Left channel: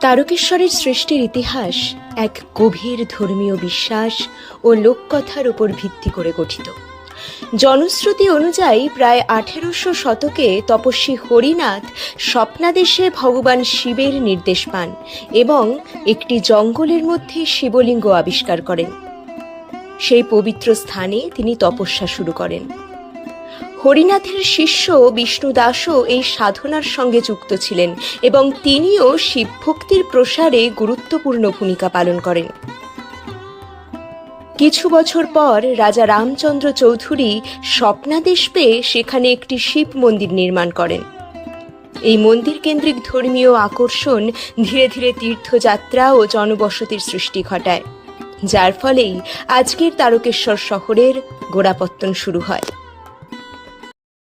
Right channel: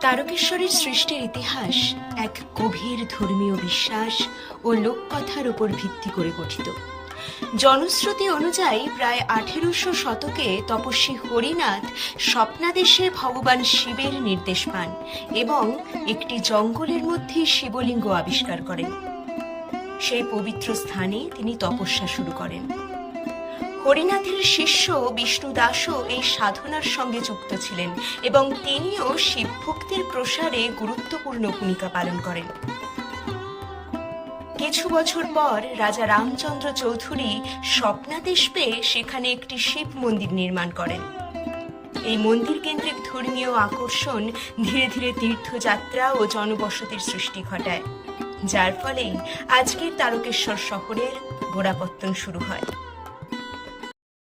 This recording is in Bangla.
তারকেশ্বরের সৃষ্টির ইতিহাস এক গভীর ধর্মীয় বিশ্বাস ও লোককথার উপর ভিত্তি করে গঠিত। জনশ্রুতি অনুযায়ী প্রায় 1800 শতকে তপস্বী হরিনাথ স্বপ্নাদেশে ভগবান শিবের নির্দেশ পান এবং একটি জঙ্গলের মধ্যে শিবলিঙ্গ আবিষ্কার করেন। সেই পবিত্র স্থানে তিনি তপস্যা শুরু করেন। হরিনাথের শিষ্য বিষ্ণুদাসও এই সাধনার সঙ্গে যুক্ত ছিলেন এবং তিনিও শিবভক্তির প্রসারে গুরুত্বপূর্ণ ভূমিকা পালন করেন। কিছু বছর পর রাজা রামচন্দ্র চৌধুরী স্বপ্নাদেশ পেয়ে সেখানে একটি শিব মন্দির নির্মাণ করেন। এই মন্দির কেন্দ্রিক ধর্মীয় আকর্ষণ ধীরে ধীরে তীর্থযাত্রা ও জনবসতির সৃষ্টি ঘটায়, যার ফলেই আজকের তারকেশ্বর শহরের গোড়াপত্তন শুরু হয়।